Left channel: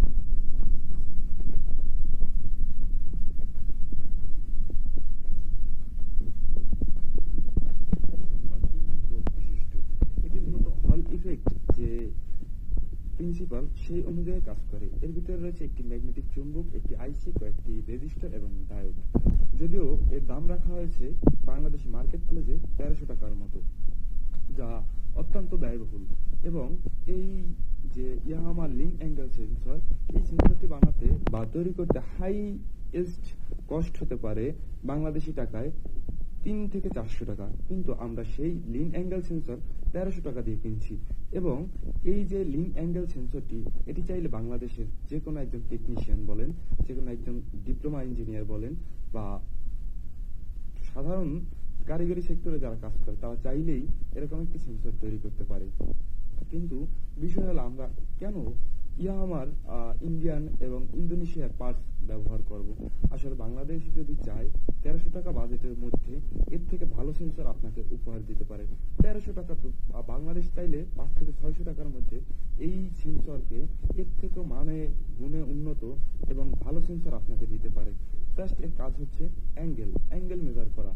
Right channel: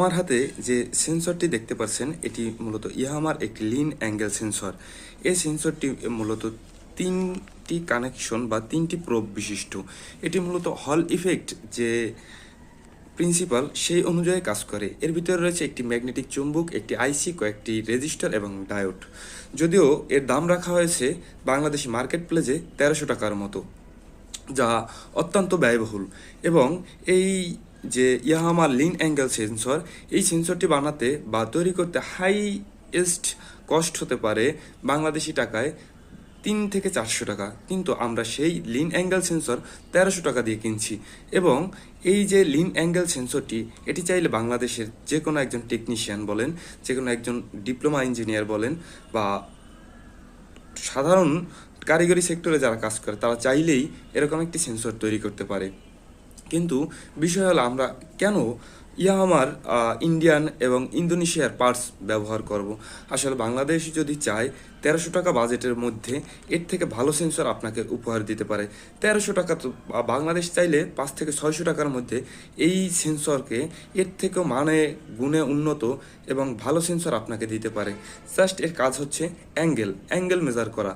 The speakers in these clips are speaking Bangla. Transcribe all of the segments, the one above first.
আমার হাতে যে সেন্সরটি দেখতে পাচ্ছেন এটি মূলত ইয়ামাহার একটি লিন অ্যাঙ্গেল সেন্সর। এই সেন্সরটি মূলত তিনটি কানেকশন বা তিনটি প্রোব বিশিষ্ট। এটি মূলত হল ইফেক্ট যে প্রিন্সিপাল সেই অনুযায়ী কাজ করে। এর ভিতরে রয়েছে একটি ম্যাগনেটিক চুম্বক, একটি আইসি, কয়েকটি রেজিস্টার এবং ডায়োড। যদিও এর দাম রাখা হয়েছে বাংলাদেশি মার্কেট প্লেসে 1300 টাকার মতো, যা অত্যন্ত ব্যয়বহুল। এবং এই যে ইয়ামাহার লিন অ্যাঙ্গেল সেন্সর, এই সেন্সরটি বানাতে বা তৈরি করতে হাইয়েস্ট কস্ট হতে পারে বাংলাদেশি টাকায় 300 থেকে 400 টাকা, কিন্তু আমরা সেই লিন অ্যাঙ্গেল সেন্সর 1300 টাকা দিয়ে কিনছি। এবং এই যে লিন অ্যাঙ্গেল সেন্সরটি, এটি চাইলে বাংলাদেশের যে কোনো একজন টেকনিশিয়ান বলেন, যে কোনো একজন ডিপ্লোমা ইঞ্জিনিয়ার বলেন, বা সাধারণ কারিগরি সেক্টরে যারা কাজ করে তারা চাইলেই এরকম একটি সেন্সর তৈরি করতে পারে। কিন্তু বিষয় হলো আমরা কেন ইয়ামাহার ইন্ডিয়ান এবং ইন্দোনেশিয়ার পার্টস ব্যবহার করব। আসলে বাংলাদেশ যদি চায় 1300 টাকা বাজেটের মধ্যে এর থেকে ভালো সেন্সর আপনাকে উপহার দিতে পারে। 1300 টাকা তো বাংলাদেশ চাইলে 5 থেকে 600 টাকার মধ্যে এই সেন্সরকে এর থেকেও মানে গুণে উন্নত এবং ভালো সেন্সর আপনাকে দিতে পারে। জাস্ট এর কাজ হচ্ছে অ্যাঙ্গেল মেজার করা।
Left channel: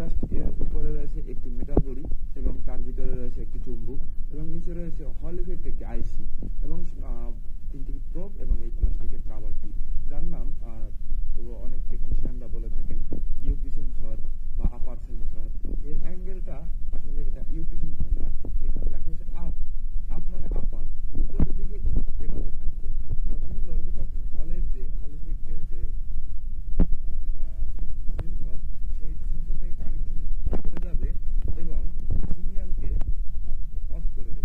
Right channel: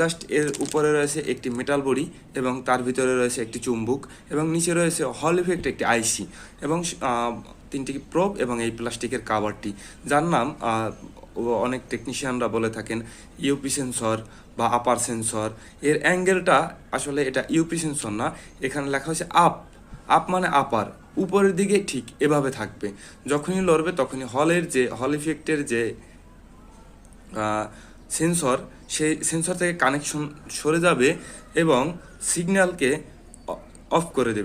জাস্ট এর উপরে রয়েছে একটি মেটাল বডি এবং তার ভিতরে রয়েছে একটি চুম্বক এবং নিচে রয়েছে হল ইফেক্ট একটি আইসি এবং তিনটি প্রোব এবং এই প্লাস্টিকের কাভারটি, যার নাম অনেক টেকনিশিয়ানরা বলে থাকেন ইউপি সেন্সর বা আপার সেন্সর। এর অ্যাঙ্গেলটা আসলে এটা ইউপি সেন্সর না, এখানে লেখা হয়েছে আপ মানে আপার, উপরের দিকে ঠিক এভাবে থাকবে। যখনই লড়বে তখনই হল ইফেক্টের যে সেন্সর, সেই সেন্সর থেকে কানেকশন সরে যাবে এবং সিগন্যালকে অফ করে দেবে।